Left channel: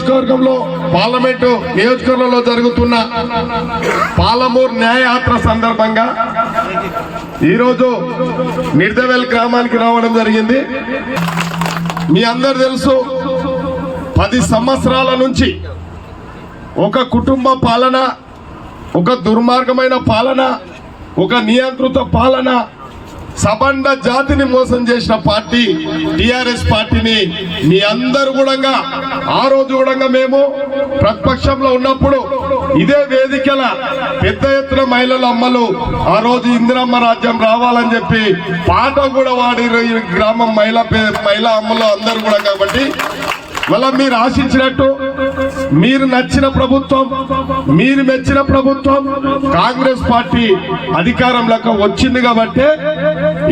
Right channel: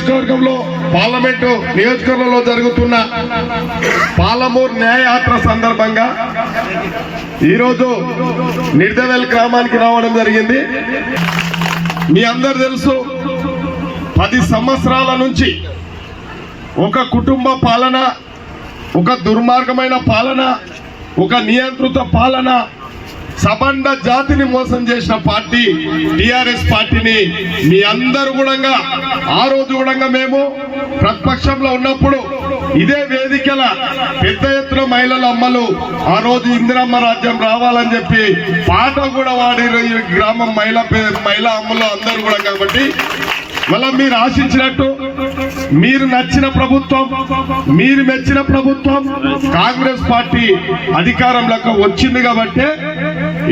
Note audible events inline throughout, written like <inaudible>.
నియోజకవర్గంలో పార్లమెంటు నియోజకవర్గంలో జరుగుతున్న పాలమూరు న్యాయయాత్ర సందర్భంగా ఈరోజు నిర్దవెల్ గ్రామానికి రావడం జరిగింది. మీ అందరు తెలుసు పది సంవత్సరాల నుంచి ఒక కుటుంబ పాలన ఒక దుర్మార్గమైన పాలన ఒక నియంత్రిత పాలన సబండ జాతిని మోసం చేసిన పార్టీ టిఆర్ఎస్ పార్టీని మీ అందరు కూడా ఆ రోజు కూడా మేము ప్రతిపక్షంలో ఉన్నప్పుడు ఇదే వేదికల పెద్ద ఎత్తున మహిళల అమ్మలు ఆ రోజు ఇందిరమ్మ రాజ్యం రావాలని చెప్పి పాట కూడా వాడిరు ఈ గ్రామం మహిళా పే- మహిళా అమ్మలు అందరు కూడా కాబట్టి మళ్ళా మీరు ఆశించినట్టు మీరు నచ్చిన ప్రభుత్వం మీరు మెచ్చిన ప్రభుత్వం కాంగ్రెస్ పార్టీ అధికారంలోకి వచ్చింది కాబట్టి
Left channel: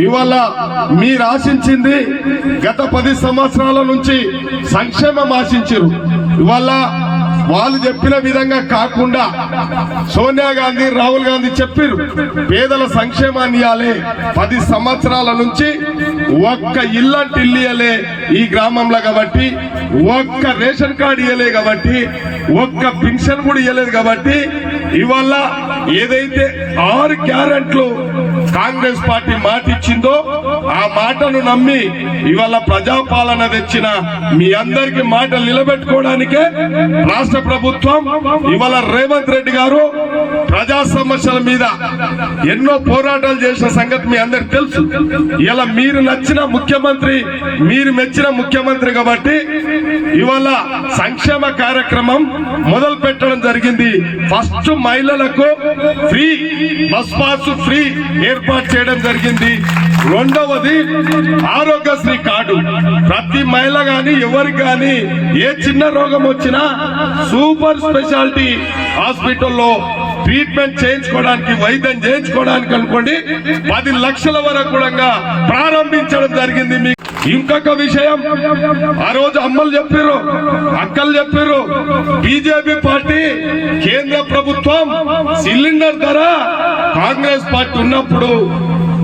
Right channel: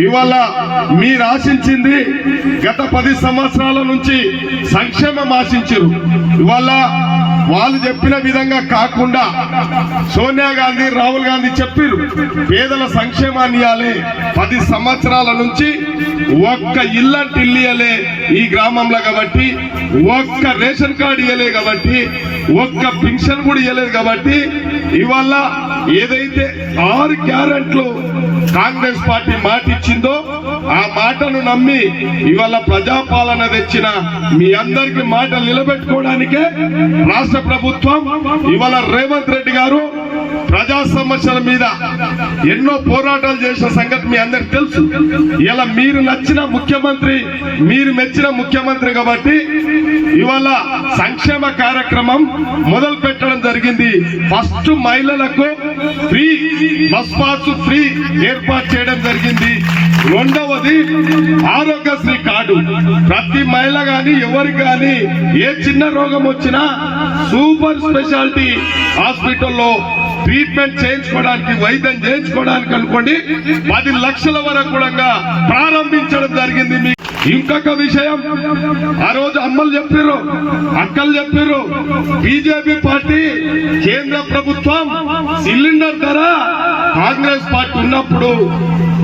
ఇవాళ మీరు ఆశించింది గత పది సంవత్సరాల నుంచి సంక్షేమం ఆశించారు ఇవాళ వాళ్ళు చెప్పిన విధంగా కాకుండా సోనియా గాంధీ రాహుల్ గాంధీ చెప్పారు పేదల సంక్షేమాన్ని ఇవ్వాలి పది సంవత్సరాల నుంచి ఒక్క ఇల్లంటి ఇల్లియలే ఈ గ్రామంలో కాబట్టి ఒక్క రేషన్ కార్డు ఇవ్వలే కాబట్టి ఒక్క పెన్షన్ కూడా ఇవ్వలేదు కాబట్టి ఇవాళ ఏదైతే ఆరు క్యారెట్లు కాంగ్రెస్ పార్టీ మాట ఇచ్చిందో ఆ మాటను నమ్మి ఇవాళ ప్రజాపాలన తెచ్చిన మీ అందరికి మాటలు నిలబెట్టుకోవడానికే రాష్ట్ర ప్రభుత్వం ఇవాళ రేవంత్ రెడ్డి గారు ప్రజా సమస్యల మీద ఎన్నో పోరాటాలు చేసిన సంగతి మీ అందరికి తెలుసు. ఇలా మీరు నచ్చిన ముఖ్యమంత్రి మీరు మెచ్చిన ముఖ్యమంత్రి కాబట్టి ఇవాళ సంక్షేమ కార్యక్రమం మొదలు పెట్టడం జరిగింది. ఫస్ట్ మహిళలకు ఫ్రీ బస్ పాస్ ఫ్రీ ఏర్పాటు చేయడం జరిగింది. రెండవది ఆరోగ్యశ్రీ కార్డు. ప్రతి మహిళ గాని ఎవరికి గాని ఏ చిన్న రోగం వచ్చినా సూపర్ స్పెషాలిటీ హాస్పిటల్లో ట్రీట్మెంట్ చేయించుకోవడానికి వైద్యం చేయించుకోవడానికి అనుకోండి పది లక్షల వరకు కూడా ప్రారంభించడం జరిగింది మీకు ఇంకొక విషయం ఆ రోజు అమ్మలు చెప్పారు అక్కలు చెప్పారు బీజేపీ పార్టీ కేంద్ర ప్రభుత్వం సిలిండర్ ధర కాంగ్రెస్ పార్టీ ఉన్నప్పుడు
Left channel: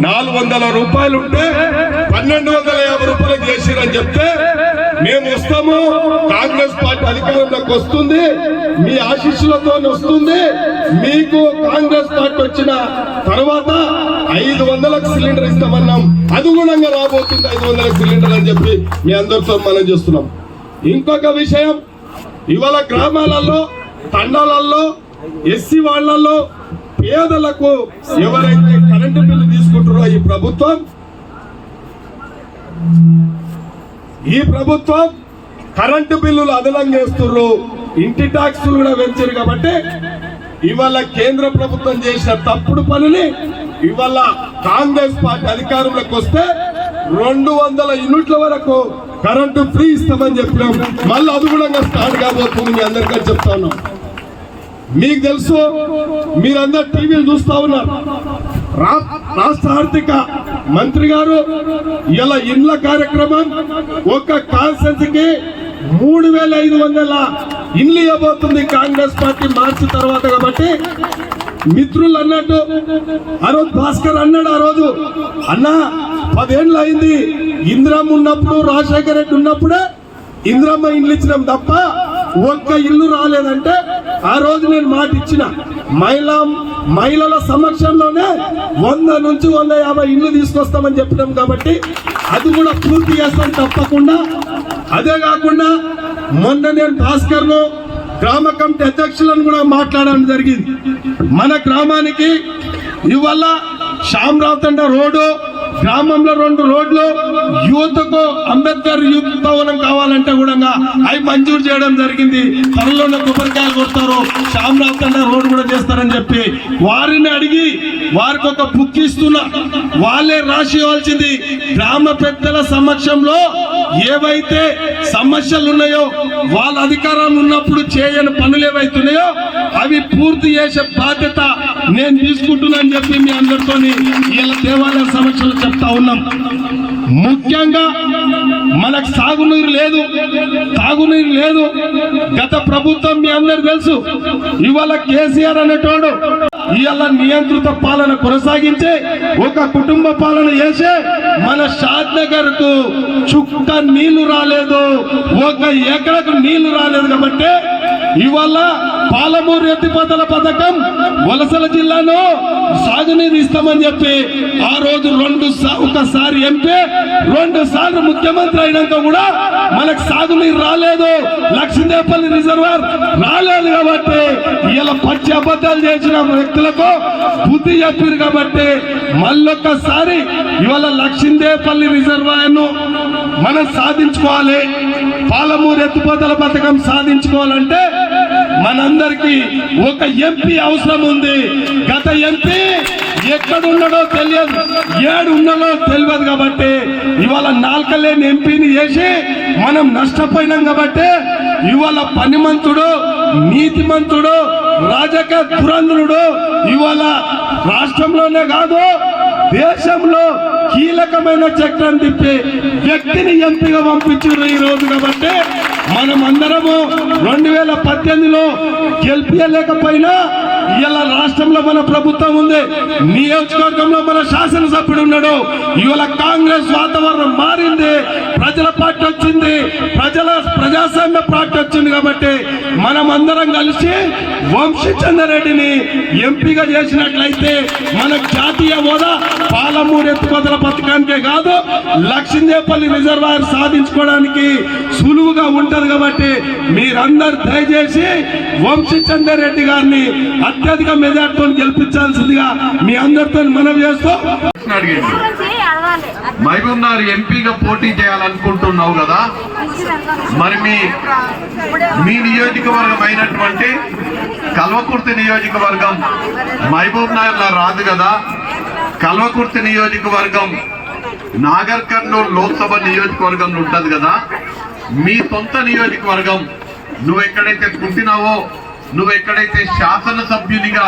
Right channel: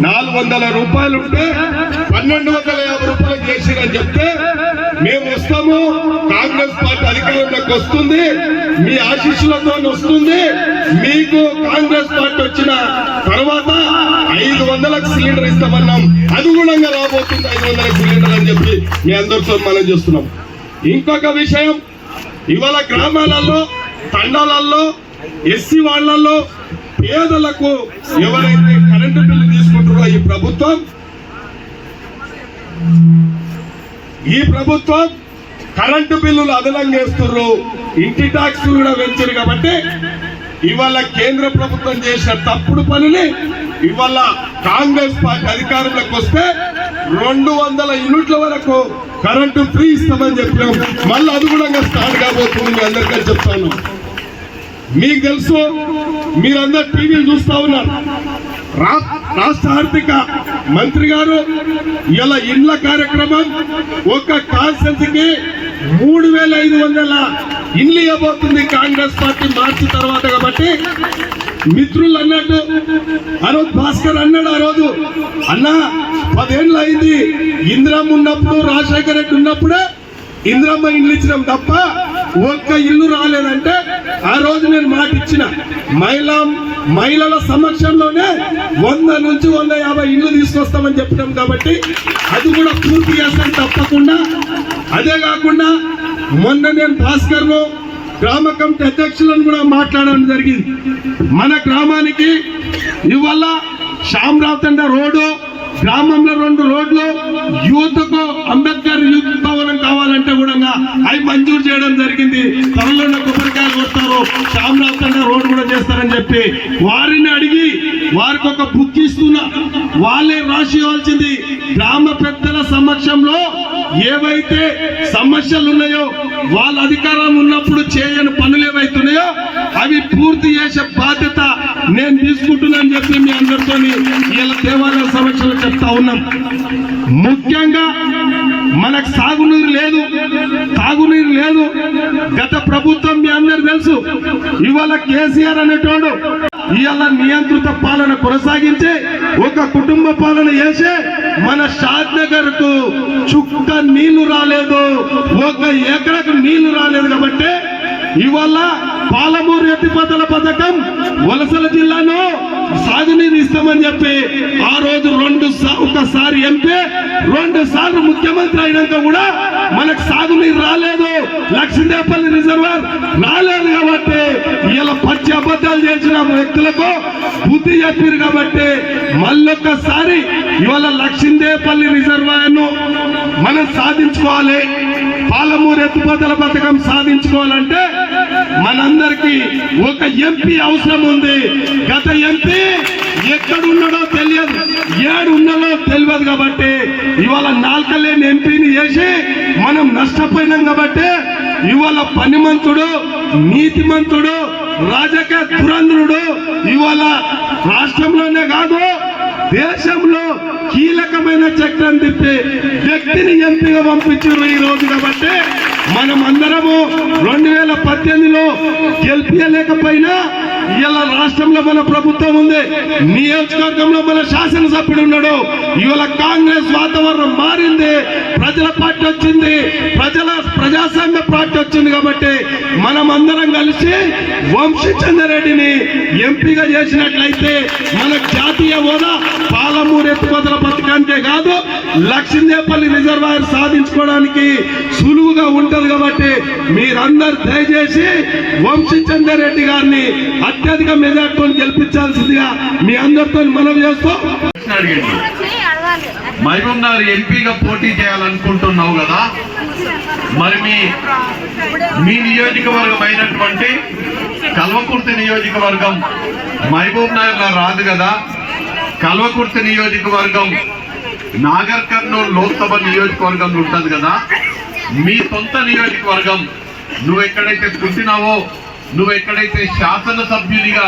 నాలుగు వందల రూపాయలు ఉంటే పన్నెండు వందల యాభై రూపాయలు చేసిరని చెప్తే మేము వస్తాము. అధికారంలోకి వస్తుంది మీ ఆశీస్సులతో వస్తుంది. మీకు కాంగ్రెస్ పార్టీ వచ్చిన తర్వాత ఐదు వందలకు సిలిండర్ ఇస్తామన్నాం. అనుగుణంగా రాబోతుంది ఐదు వందల సిలిండర్ అని చెప్పి మీ అందరితో మనం చేస్తున్నాం. ఇంకొక విషయం ఇవాళ గ్రామాలలో తండాలలో ఎస్సీ వాళ్ళల్లో పేదలకు ఎవరైతే కరెంటు బిల్లు తీసుకుంటారో ఈ ప్రభుత్వం ఈ ప్రభుత్వం కరెంటు బిల్లులు అదనం వేస్తున్నారు ఇంటి ట్యాక్స్ కూడా పెంచారు కాబట్టి ఇవాళ కేంద్ర ప్రభుత్వం చేసిన తప్పుడు పనిని ఇవాళ కాంగ్రెస్ పార్టీ అధికారంలోకి వస్తే రెండు వందల యూనిట్ల వరకు కరెంటు ఫ్రీ ఇస్తామని చెప్పినాం. మళ్ళీ అది కూడా స్టార్ట్ కాబోతుంది మీ అందరికీ చెప్తాను మీకు తెలుసు మీరందరు టీవీలు చూస్తా ఉన్నారు. రా- రాష్ట్ర ఆర్థిక మంత్రి గారు ఇలా ఇండ్ల కార్యక్రమం ఒక కాన్సెన్స్కి మూడు వేల ఐదు వందల ఇల్లు ఇవ్వబోతుంది కాంగ్రెస్ పార్టీ మార్చి తర్వాత కాబట్టి మిత్రులు అన్నట్టు ఆ రోజు భాస్కర్ అన్నాడు ఆ రోజు. అన్నా పదేళ్ళు అయింది ఇందిరమ్మ ఉన్నప్పుడు రాజశేఖర రెడ్డి ఉన్నప్పుడే ఇందిరమ్మ ఇల్లు ఇచ్చినాం తప్ప ఒక్క ఇల్లు రాలేదంటే ఆ రోజు నేను మాట ఇచ్చిన మహిళా మహిళల సమక్షంలోనే వంద నుంచి వంద యాభై ఇల్లు తీసుకొస్తామని చెప్పినాం కాబట్టి అది కూడా పూర్తి చేస్తాం తప్పకుండా. అదే కాకుండా మొన్న నేను భాస్కర్ను గ్రామ కమిటీ అధ్యక్షులను కూడా మాట్లాడడం జరిగింది. మన గ్రామానికి ఇవాళ శ్యామరావు తండ రోడ్డు గ్రామంలో రెండు రోడ్లు యూత్కు అంబేద్కర్ యూత్ భవనం కావాలంటే కూడా అవి మంజూరు చేయడం జరిగింది. త్వరలోనే కొబ్బరికాయలు కొడతారు. శ్యామరావు తండ రోడ్డు కూడా చేస్తారని చెప్పి వారిని అడిగి వారికి ఒక బుక్ ఇస్తున్నా. వాళ్ళే రాసి ఇవ్వాల్సింది. గ్రామ పెద్దల సమక్షంలో ఏవైతే సమస్యలు ఉన్నాయో వాళ్ళ అధికారం ఉన్నప్పుడు చేయని పనులు ఏవైతున్నాయో అవి పూర్తి చేసే బాధ్యత నేను తీసుకుంటున్నాను చెప్పి మీ అందరితో ఇలా దేవాలయ సమస్యలు చెప్తా ఉన్నాం. ముఖ్యంగా మనకు సాగునీరు లేదు తాగునీరు లేదు. గత ప్రభుత్వం మీ అందరు తెలుసు ఇవాళ కేసీఆర్ అనేటోడు ఇవాళ నియంత్రిత పాలన కొనసాగించి ఒక కుటుంబ పాలన చేసే మన షాద్ నగర్కు చుక్క నీళ్ళు రాలేదు. ఒక ఎకరకు నీళ్ళు రాలేదు కాబట్టి ఇవాళ పాలమూరు ఎత్తిపోతల పథకం వలసల జిల్లాలో సాగునీరు ఇస్తామని చెప్పి ఆ రోజు రెండు సా- ఒకసారి ఎంపీ రెండు సార్లు ముఖ్యమంత్రి అయినాక కూడా మనకు సాగునీరు రాలేదు. లక్ష్మీదేపల్లి రిజర్వర్ రాలేదు కాబట్టి ఇలా పచ్చి అబద్ధాలు చేసిన వ్యక్తులకు బుద్ధి చెప్పారు కాబట్టి మళ్ళొక్కసారి ఇవాళ లక్ష్మీదేపల్లి రిజర్వాయర్ను మనం సాధించుకోవాలి. పాలమూరు ఎత్తిపోతల పథకం సాధించుకోవాలంటే మనందరికి ఒక ఎంపీ అవసరం ఉంది. గత ఎంపీ ఎక్కడున్నాడో తెలియదు. ఏడు ఉన్నాడో తెలియదు కాబట్టి ఇవాళ నాల్కలేని ఎంపీని చేసి మనం నష్టపోయినాం కాబట్టి ఇవాళ పనిమంతుడు నీతిమంతుడు రాజకీయ పురంధ్రుడు ఇవాళ రాష్ట్రంలోనే కాదు దేశంలో కీలకమైన చక్రం తిప్పి వ్యక్తిని ఎంపీగా పంపించారు ఈ రోజు కాబట్టి మనం అందరము రెండు వేల పద్దెనిమిదిలో గెలిపించలేకపోయినా ఇవాళ రాష్ట్రంలో మన ప్రభుత్వం ఉంది. నియోజకవర్గంలో మన శాసనసభ్యుడు ఉన్నాడు. ఇవాళ కాంగ్రెస్ వాతావరణం మారింది. ప్రజల పార్టీ వచ్చింది. ప్రజల ప్రజాస్వామ్య పార్టీ వచ్చింది కాబట్టి మనం అందరం కలిసి వంశీచంద్రరెడ్డిని ఎంపీగా చేసినట్లయితే మనకు జాతీయ హోదా పాలమూరు ఎత్తుకోతల పథకానికే కాదు లక్ష్మీదేపల్లి రిజర్వాయర్ సాధించుకోవడానికి సులువుగా ఉంటది కాబట్టి మీరందరూ దయచేసి వంశీచందర్ రెడ్డి గారిని అత్యధిక మెజార్టీతో గెలిపించాల్సిందిగా మీ అందరితో మనం చేస్తాం అడిగింది ఎంపీగా పోటీ చేయాలనుకుంటున్నావు కదా? మరి మీ మీ నియోజకవర్గం అయినటువంటి కల్వకుర్తి నియోజకవర్గం మహబూబ్ నగర్ రాదు కదా? కల్వకుర్తి నియోజకవర్గం నాగర్ కర్నూలు లోక్సభ నియోజకవర్గంలో ఉంటుంది కదా? మీ సొంత నియోజకవర్గం. నువ్వు ఎక్కడైతే పుట్టినావో నువ్వు ఎక్కడైతే శాసనసభ్యునిగా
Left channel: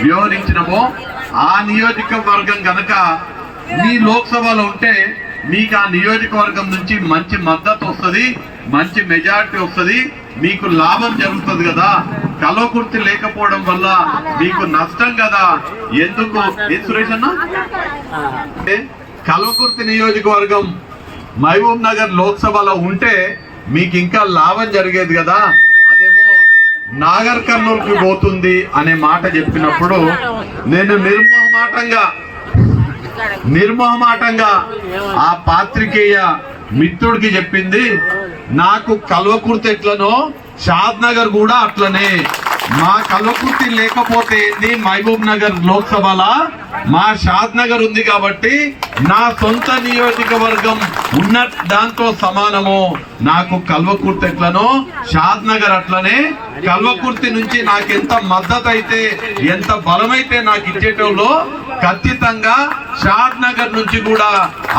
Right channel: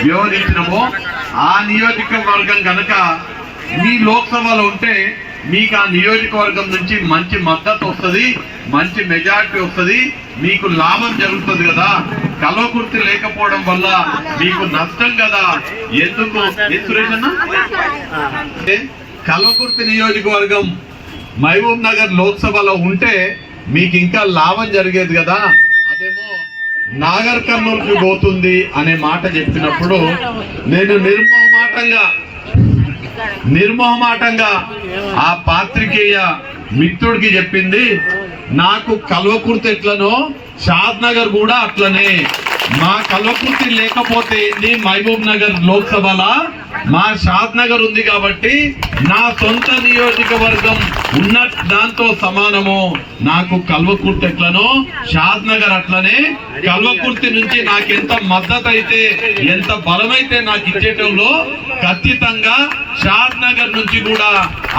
వ్యవహరించినవో ఆ నియోజకవర్గం కనుక నీ లోక్సభలో ఉంటే నీకు ఆ నియోజకవర్గం నుంచి మంచి మద్దతు వస్తుంది మంచి మెజారిటీ వస్తుంది మీకు లాభం జరుగుతుంది కదా? కలవకుర్తి లేకపోవడం వల్ల మీకు నష్టం కదా? ఎందుకు? సురేష్ అన్న? కల్వకుర్తి నియోజకవర్గం మహబూబ్ నగర్ లోక్సభలో ఉంటే మీకు ఇంకా లాభం జరిగేది కదా? అదేమో నాగర్ కర్నూలుకి పోతుంది అనే మాట చెప్పినప్పుడు నేను నిర్మోహమాటంగా నిర్మోహమాటంగా ఆ పాత్రికేయ మిత్రుడికి చెప్పింది నాకు కల్వకుర్తి ఎట్లనో షాద్ నగర్ కూడా అట్లనే. మా కల్వకుర్తి లేకపోతే మహబూబ్ నగర్ లోక్సభలా? మా షాద్ నగర్ ఉంది కాబట్టి నా సొంత నియోజకవర్గం ఉన్న దాంతో సమానము. నాకు కల్వకుర్తి ఎట్లనో షాద్ నగర్ అట్లనే. కల్వకుర్తి నుంచి నాకు ఎంత మద్దతు అయితే ఎంత బలమైతే నాకు ఇచ్చేటోళ్ళు ఖచ్చితంగా షాద్ నగర్ నుంచి కూడా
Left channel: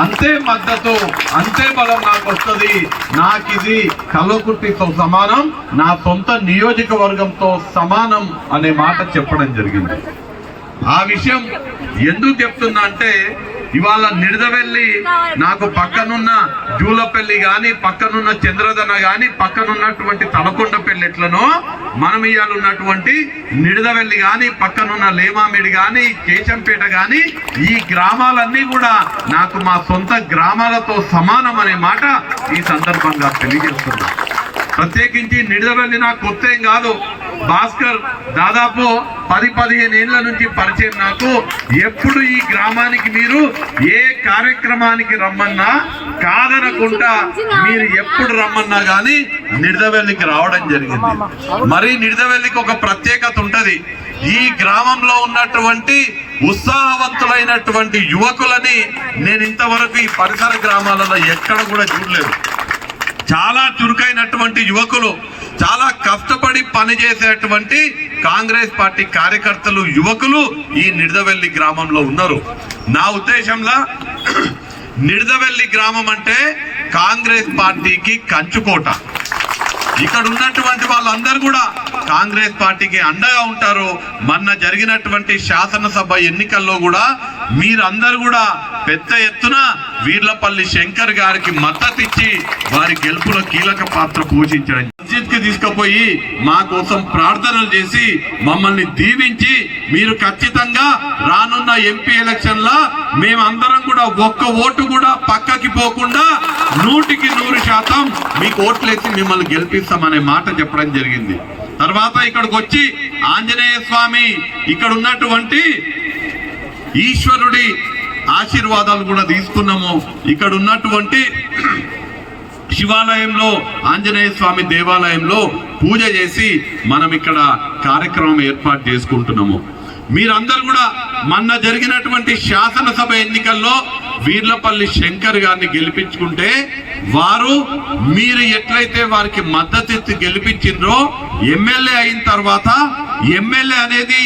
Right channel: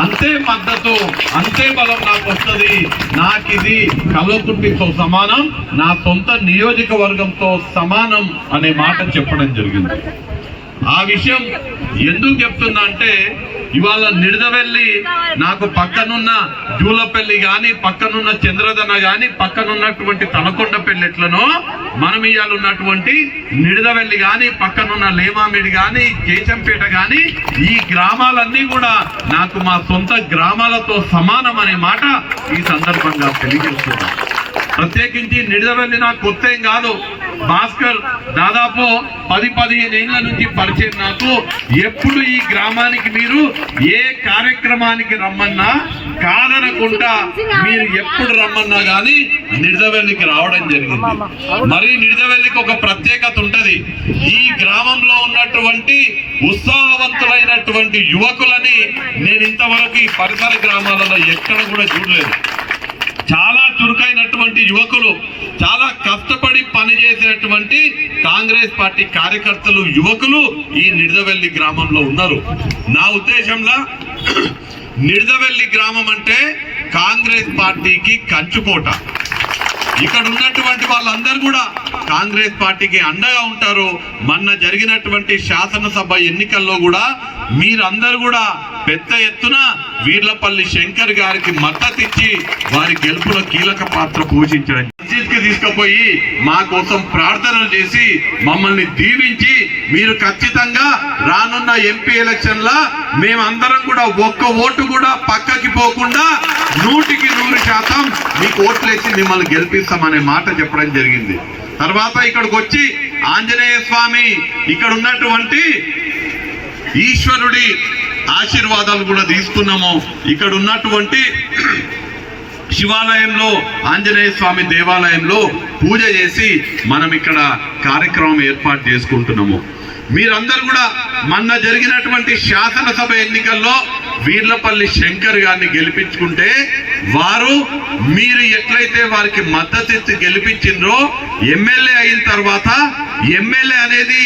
అంతే మద్దతు అంతే బలం నాకు వస్తుంది. నాకు ఇది కల్వకుర్తితో సమానం నా సొంత నియోజకవర్గంతో సమానం అనే మాట చెప్పడం జరిగింది. ఆ విషయం ఎందుకు చెప్తున్నా అంటే ఇవాళ నిడదవెల్లి నాకు పక్కనున్న జూలపల్లి గాని పక్కనున్న చంద్రదన గాని పక్కనున్నటువంటి తలకొండపల్లి ఎట్లనో మనం ఇవాళ ఉన్నటువంటి నిడదవెల్లి గాని పక్కనున్న లేమామిడి గాని కేశంపేట గాని ఈ గ్రామాలన్నీ కూడా నాకు మా సొంత గ్రామాలతో సమానం అనే మాట ఈ సందర్భంగా తెలియజేస్తున్నా ప్రత్యేకించి నిడదవెల్లి నాకు కొత్త ఏం కాదు. భాస్కర్ దాదాపు పది పదిహేను ఏళ్ళ నుంచి పరిచయం నాకు. ఎప్పుడు ఈ గ్రామానికి మీరు ఏ కార్యక్రమానికి రమ్మన్నా కాదనకుండా మీరు ఎప్పుడు రమ్మన్నా కానీ నిడదవెల్లికి రావడం జరిగింది. మరి నిడదవెల్లికి ఒక ప్రత్యేకత ఉంటది. ఈ గ్రామంలో ఉన్నటువంటి ఉత్సాహవంతులైనటువంటి యువకులని నేను ఇంతవరకు ఈ పరిసర గ్రామాలలో ఎక్కడ కూడా చూడలేదు. చాలా చురుకైనటువంటి యువకులు చాలా కష్టపడి పనిచేసేటువంటి కాంగ్రెస్ పార్టీ కార్యకర్తలు యువకులు ఈ నిడదవెల్లి గ్రామంలో ఉన్నారు. నా ఉద్దేశంలో <clears throat> నిడదవెల్లి గ్రామం అంటే కాంగ్రెస్ పార్టీకి కంచుకోట. ఇక్కడ ఉన్నటువంటి వాళ్ళందరూ కూడా కాంగ్రెస్ పార్టీకి అండగా ఉంటారు మొన్న జరిగినటువంటి శాసనసభ ఎన్నికల్లో కూడా మీరందరూ కూడా పెద్ద ఎత్తున వీర్లపల్లి శంకర్ గారికి మద్దతు ఇచ్చి వారి గెలుపులో కీలక పాత్ర పోషించడం మస్జిద్కి తీసుకుపోయి మా కోసం ప్రార్థనలు చేసి మమ్మల్ని దీవించి మీరు ఖచ్చితంగా రానున్న ఎంపీ ఎలక్షన్ లా మేమందరం కూడా ఒక్క ఓటు కూడా పక్కకి పోకుండా నూటికి నూరు శాతం మీకు ఓట్లేసి మిమ్మల్ని గెలిపిస్తామనే మాట చెప్పడం జరిగింది. తర్వాత ఇక్కడికి వచ్చి ఆంజనేయ స్వామి ఇక్కడ ఉన్నటువంటి ఈశ్వరుడి ఆశీర్వాదాలు కూడా తీసుకున్నాము. ఇక్కడ ఉన్నటువంటి శివాలయంలో ఆంజనేయ స్వామి దేవాలయంలో పూజ చేసి మనం ఇక్కడ కార్యక్రమం ఏర్పాటు చేసుకుంటున్నాము. మీరందరూ కూడా మొన్న జరిగినటువంటి శాసనసభ ఎన్నికల్లో వీర్లపల్లి శంకర్ గారిని గెలిపించుకుంటే వారు మీరు ఎట్లయితే వారికి మద్దతు ఇచ్చి గెలిపించిండ్రో ఎమ్మెల్యే అయిన తర్వాత ఎమ్మెల్యే అనేది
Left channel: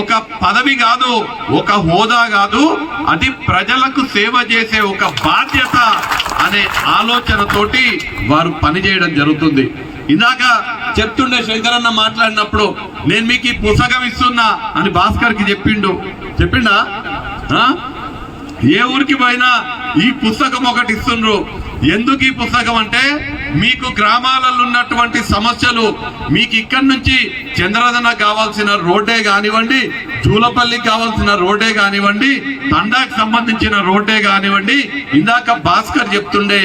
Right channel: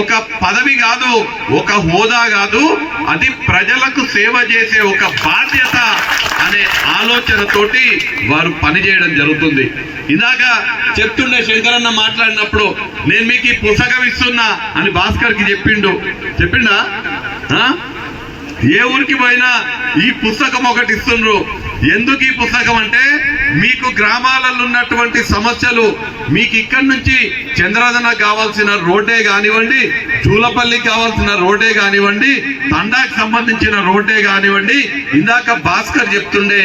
ఒక పదవి కాదు ఒక హోదా కాదు అది ప్రజలకు సేవ చేసే ఒక బాధ్యత అనే ఆలోచనతోటి వారు పనిచేయడం జరుగుతుంది. ఇందాక చెప్తుండే శంకరన్న మాట్లాడినప్పుడు నేను మీకు ఈ పుస్తకం ఇస్తున్నా అని భాస్కర్కి చెప్పిండు. చెప్పిండా? ఏ ఊరికి పోయినా ఈ పుస్తకం ఒకటి ఇస్తుండ్రు. ఎందుకు ఈ పుస్తకం అంటే మీకు గ్రామాలలో ఉన్నటువంటి సమస్యలు మీకు ఇక్కడి నుంచి చంద్రదన కావాల్సిన రోడ్డే కానివ్వండి జూలపల్లికి కావాల్సిన రోడ్డే కానివ్వండి తండాకి సంబంధించిన రోడ్డే కానివ్వండి ఇందాక భాస్కర్ చెప్తుండే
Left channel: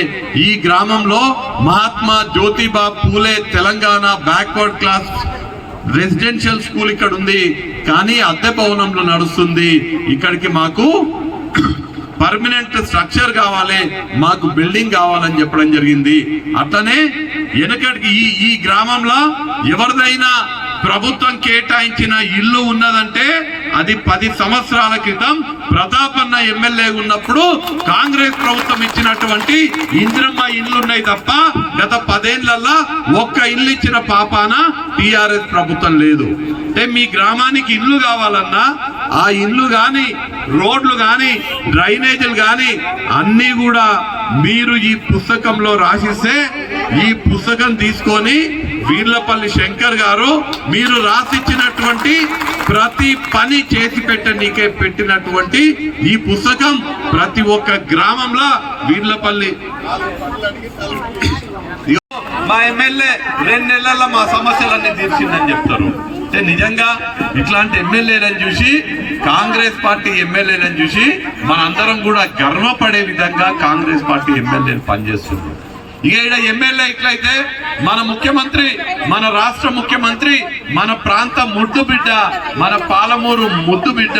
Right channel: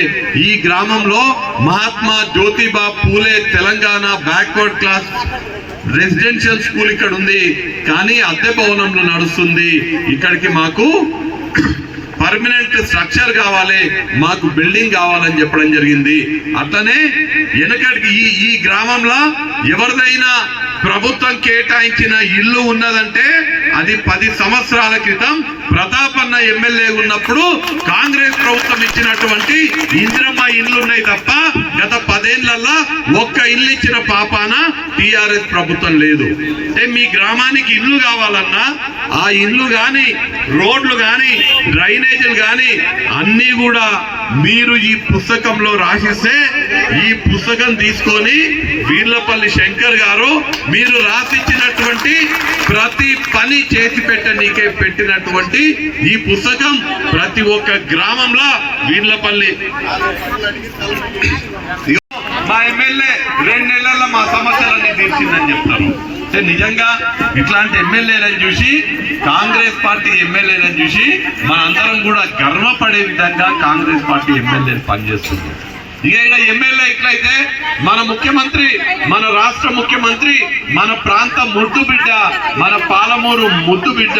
ఈ గ్రామంలో Mahatma Jyotiba Phule Telangana backward class residential school ఇక్కడ ఉంది కానీ అద్దె భవనంలో నడుస్తుంది. ఇక్కడికి మాకు పర్మనెంట్ స్ట్రక్చర్ కావాలి మాకు బిల్డింగ్ కావాలని చెప్పడం జరిగింది. అట్లనే వెనకటికి ఈ ఈ గ్రామంలో ఎవరిదైనా ప్రభుత్వం కేటాయించిన ఇల్లు ఉన్నదంటే అది పది సంవత్సరాల క్రితం ప్రతాపన్న ఎమ్మెల్యే ఉన్నప్పుడు కాంగ్రెస్ ప్రభుత్వం ఇచ్చినటువంటి ఇందిరమ్మ ఇల్లు ఉన్నాయి తప్ప గత పదేళ్ళలో ఒక్క ఇల్లు ఇచ్చిన పాపాన టిఆర్ఎస్ ప్రభుత్వం లేదు. అంటే మీ గ్రామానికి ఇల్లు కావాలన్నా ఆ ఇల్లు కానీ రోడ్లు కానీ డ్రైనేజీలు కానీ అన్నీ కూడా మీరు ఈ పుస్తకంలో రాసిస్తే ఈ పుస్తకం తీసుకొని వీర్లపల్లి శంకర్ గారు మీరు రాసిచ్చినటువంటి ప్రతి పని చేసి పెట్టనీకే పెట్టినటువంటి ఈ పుస్తకం ప్రతి ఒక్క గ్రామంలో వీర్లపల్లి. మా ఎమ్మెల్యే రెండు నెలల్లో మా సమస్యలన్నీ తీర్చిందని చెప్తారు. అంటే నిజంగా ఇట్లాంటి ఎమ్మెల్యేలను చూసి కాంగ్రెస్ పార్టీ ఎమ్మెల్యేలను చూసి మనందరం కూడా గర్వపడే విధంగా కాంగ్రెస్ పార్టీ ఎమ్మెల్యేలు పనిచేస్తున్నారు. ఇక ఇక్కడ ఎమ్మెల్యే ఇట్లయితే మన ముఖ్యమంత్రి మన రాష్ట్ర ముఖ్యమంత్రి మన ప్రాంత ముద్దు బిడ్డ మన పాలమూరు ముద్దు బిడ్డ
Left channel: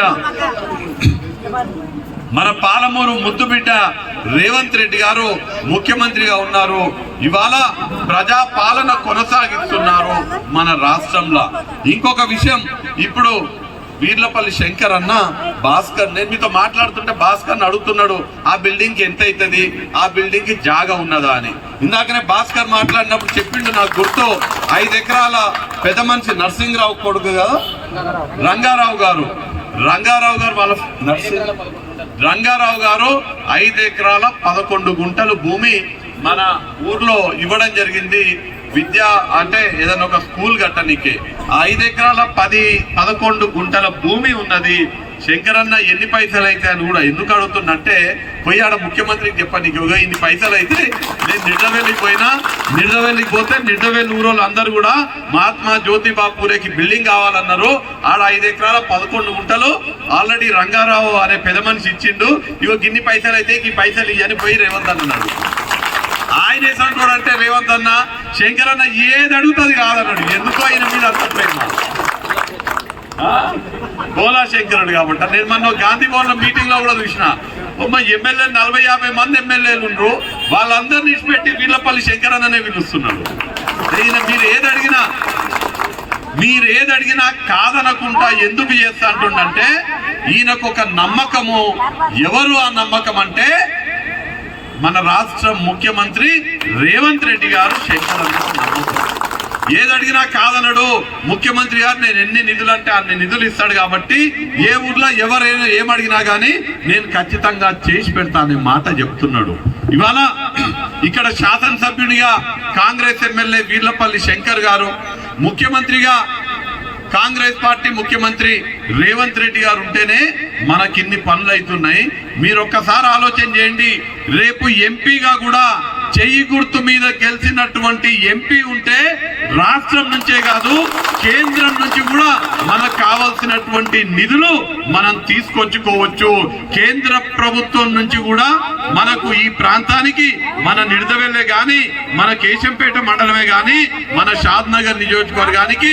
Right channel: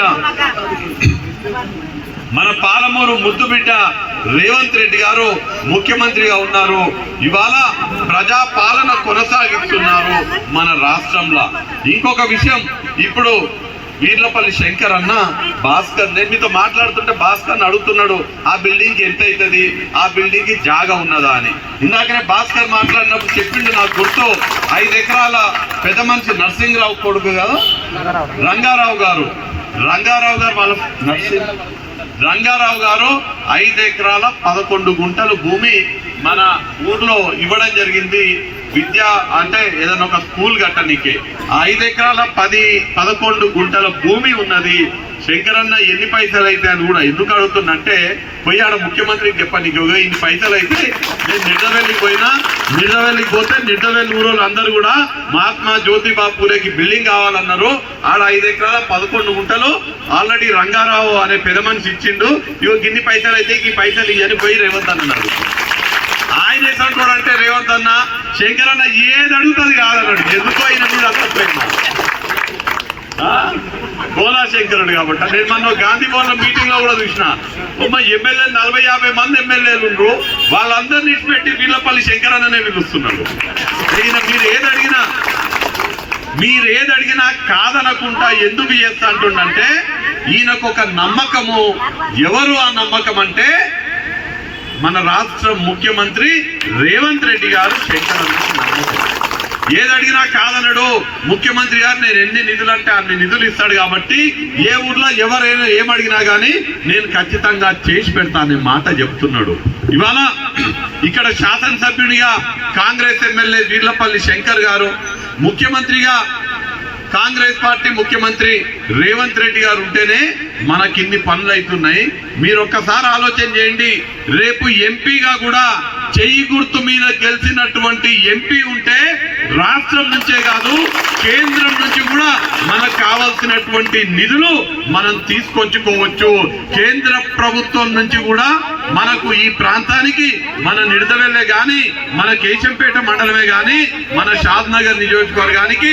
మన పాలమూరు ముద్దు బిడ్డ రేవంత్ రెడ్డి గారు ముఖ్యమంత్రిగా ఉన్నారు. ఇవాళ ప్రజా పాలన కొనసాగిస్తున్నారు మన రాష్ట్రంలో. ఇంకొక విషయం ఇప్పుడు వీర్లపల్లి శంకర్ అన్న భాస్కర్ నేను మీతో మాట్లాడుతుంటే భాస్కర్ అడుగుతున్నాడు ఆ బిల్డింగ్కి ఎంత అవుతుంది? ఆ బిల్డింగ్కి జాగా ఉన్నదా? అని. ఇందాకనే భాస్కర్ మాట్లాడినప్పుడు చెప్పిండు నాకు గుర్తు ఐదు ఎకరాల పెద్ద మనిషి నరసింహరావు కొడుకు కదా? రంగారావు గారు. రంగారావు గారు వాళ్ళ నర్సింగ్ రంగారావు గారు ఐదు ఎకరాల పదకొండు గుంటలు భూమి మన ఊర్లో ఇవ్వడం జరిగింది. విద్య అంటే ఏదైనా ఒక స్కూల్ కట్టనీకే. ఆ ఐదు ఎకరాల పది పదకొండు గుంటల భూమి ఉన్నది. శంకరన్న ఎన్ని పైసలు అయితే అని కూడా ఎందుకు అడుగుతున్నంటే పోయాడ ముఖ్యమంత్రికి చెప్పండి ఇక ఇన్ని పైసలు అయితే నేను నిడవెల్లికి పోయినా నిడవెల్లికి పోతే నిడవెల్లి ఊరోళ్ళు అందరూ కూడా మహాత్మా జ్యోతిబా పూలేకి బిల్డింగ్ కావాలన్నారు. ఆడ ఐదు ఎకరాల పదకొండు గుంటలు ఆల్రెడీ రంగారావు అనే పెద్ద మనిషి ఇచ్చిండు. ఇగో గిన్ని పైసలు అయితే ఈ పైసలు ఇవని పోయి రేవంత్ అన్నాడు. ఆయన వేసినట్టు అంటే రేవంత్ అన్న శంకరన్న ఏది అడుగుతుంది కాదన్నాడు. ఎందుకో ఆయన మీద అంత ప్రేమ? గోలాశంకరుడు గోలా కాబట్టి. నేను మొన్న గాంధీ భవన్ మీటింగ్లో కూడా చూసిన. ఉమ్మ ఎమ్మెల్యే నలభై యాభై మంది ఎమ్మెల్యేలు ఉండరు. వాళ్ళందరినీ పెట్టి వీళ్ళపల్లి శంకర్ అనే పిలుస్తున్నాడు ఈయన మీరు ఏది అడిగినా మీరు ఏది అడిగినా కాదనకుండా ఎందుకు చేస్తా అంటుండంటే ఈయనకు ఒక నమ్మకము. ఎవరు ఆ నమ్మకం అంటే మన రాష్ట్ర ముఖ్యమంత్రి రేవంత్ రెడ్డి గారు శంకర్ నమ్మకం. ఏది అడిగినా కాదనడు. ముఖ్యమంత్రి గారు నేను ఎన్ని నిధులు అంటే అన్ని నిధులు ఇస్తాడు కాబట్టి ఏ ఊర్లో ఎవరైనా ఏమడిగినా కానీ నేను ఖచ్చితంగా చేసి పెడతానే మాట చెప్తున్నాడు. ఇవాళ ఇక్కడ శాసనసభ్యునిగా కాంగ్రెస్ ఎమ్మెల్యే వీర్లపల్లి శంకర్ గారు ముఖ్యమంత్రిగా కాంగ్రెస్ పార్టీ ముఖ్యమంత్రి రేవంత్ రెడ్డి గారు ఉంటేనే మనకిన్ని పనులు అవుతున్నాయి మీరు ఒక్కసారి ఆలోచన చేయండి. రేపు ఎంపీగా కూడా చెయ్యి గుర్తు మీద గెలిచినటువంటి ఎంపీ ఉంటే రాష్ట్రం నుంచే కాదు కేంద్రం నుంచి కూడా మనకు కావాల్సినటువంటి నిధులు మనం తీసుకొచ్చుకోవచ్చు. కేంద్ర ప్రభుత్వం నుంచి కూడా మనకు ఈ ప్రాంతానికి మన నిడదవెల్లే గాని మన కేశంపేట మండలమే గాని మన షాద్ నగర్ నియోజకవర్గానికి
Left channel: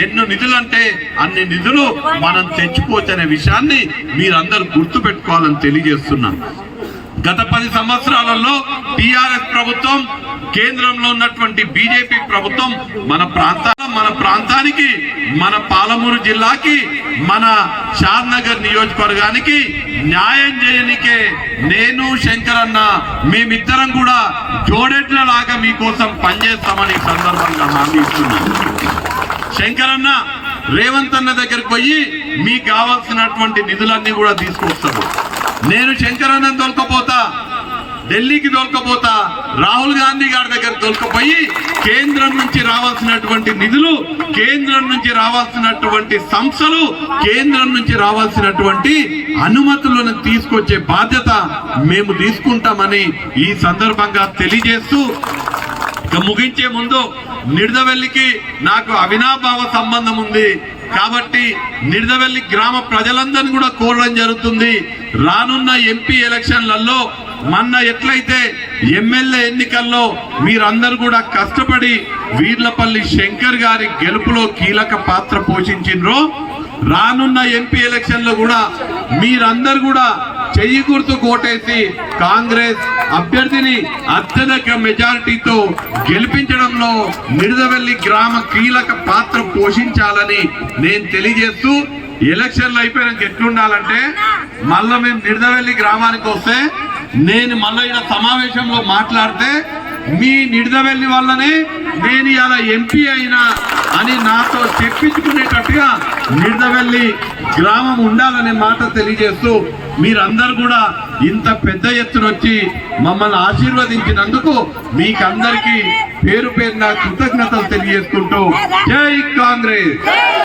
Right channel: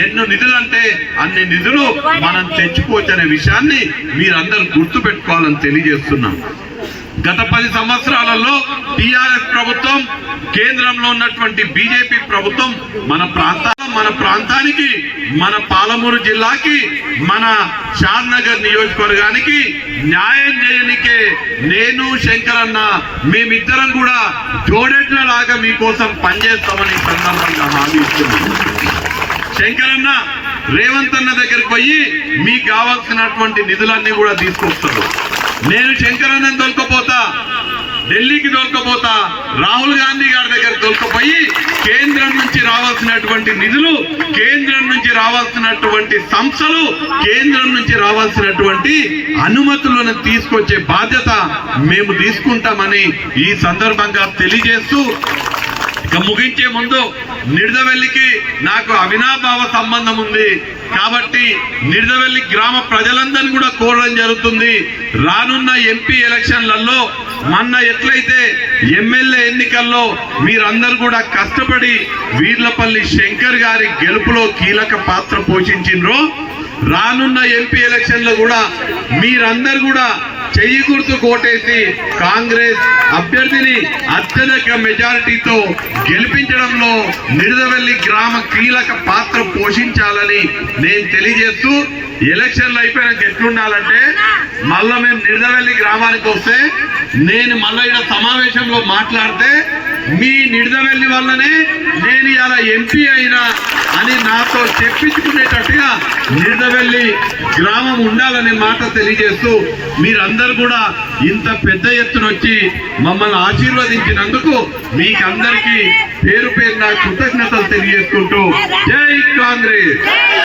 ఎన్నో నిధులు అంటే అన్ని నిధులు మనం తెచ్చుకోవచ్చు అనే విషయాన్ని మీరందరూ గుర్తు పెట్టుకోవాలని తెలియజేస్తున్నాం గత పది సంవత్సరాలలో టిఆర్ఎస్ ప్రభుత్వం కేంద్రంలో ఉన్నటువంటి బీజేపీ ప్రభుత్వం మన ప్రాంత మన ప్రాంతానికి మన పాలమూరు జిల్లాకి మన షాద్నగర్ నియోజకవర్గానికి న్యాయం చేయనికే నేను శంకరన్న మేమిద్దరం కూడా జోడెట్ల లాగా మీకోసం పనిచేస్తామని సందర్భంగా హామీ ఇస్తున్నాను శంకరన్న రేవంత్ అన్న దగ్గరికి పోయి మీకు కావాల్సినటువంటి నిధులన్నీ కూడా తీసుకొస్తాము. నేను శంకరానంద్ తోలుకపోతా ఢిల్లీకి తోలుకపోతా రాహుల్ గాంధీ గారి దగ్గర తోలుకపోయి కేంద్రం నుంచి రావాల్సినటువంటి నిధులు కేంద్రం నుంచి రావాల్సినటువంటి సంస్థలు కేంద్రం నుంచి రావాల్సినటువంటి అనుమతులను తీసుకొచ్చే బాధ్యత మేము తీసుకుంటామని ఈ సందర్భంగా తెలియజేస్తూ ముగించే ముందు నిడదవెల్లికి నాకు అవినాభావ సంబంధం ఉంది. కాబట్టి నిడదవెల్లి గ్రామ ప్రజలందరినీ కూడా కోరడం జరుగుతుంది. రానున్న ఎంపీ ఎలక్షన్లలో మొన్న ఎట్లయితే ఎమ్మెల్యే ఎన్నికల్లో మీరందరూ కూడా కష్టపడి వీర్లపల్లి శంకర్ గారి గెలుపులో కీలక పాత్ర పోషించిండ్రో రానున్న ఎంపీ ఎలక్షన్లో కూడా మీరందరూ కూడా చెయ్యి గుర్తు కోటేసి కాంగ్రెస్ అభ్యర్థిని అత్యధిక మెజారిటీతో గెలిపించడంలో నిడదవెల్లి గ్రామ కీలక పాత్ర పోషించాలని నేను తెలియజేస్తూ ఎలక్షన్లు అయిపోయినాక ఎట్లుండాలంటే మళ్ళా మేము నిడదవెల్లి గ్రామానికి వస్తే నేను మళ్ళీ ఇక్కడ సమావేశంలో మాట్లాడితే మీ నిడదవెల్లి వల్లనే నేను ఇలా ఎంపీ అయినా అని నాతో చెప్పించుకునేటట్టుగా నిడదవెల్లి గ్రామం ఉండాలనే మాట తెలియజేస్తూ మీరందరూ కూడా ఇంత పెద్ద ఎత్తున వచ్చి మమ్మల్ని ఆశీర్వదించినందుకు మీకందరికీ పేరు పేరున కృతజ్ఞతలు తెలియజేసుకుంటూ జై కాంగ్రెస్.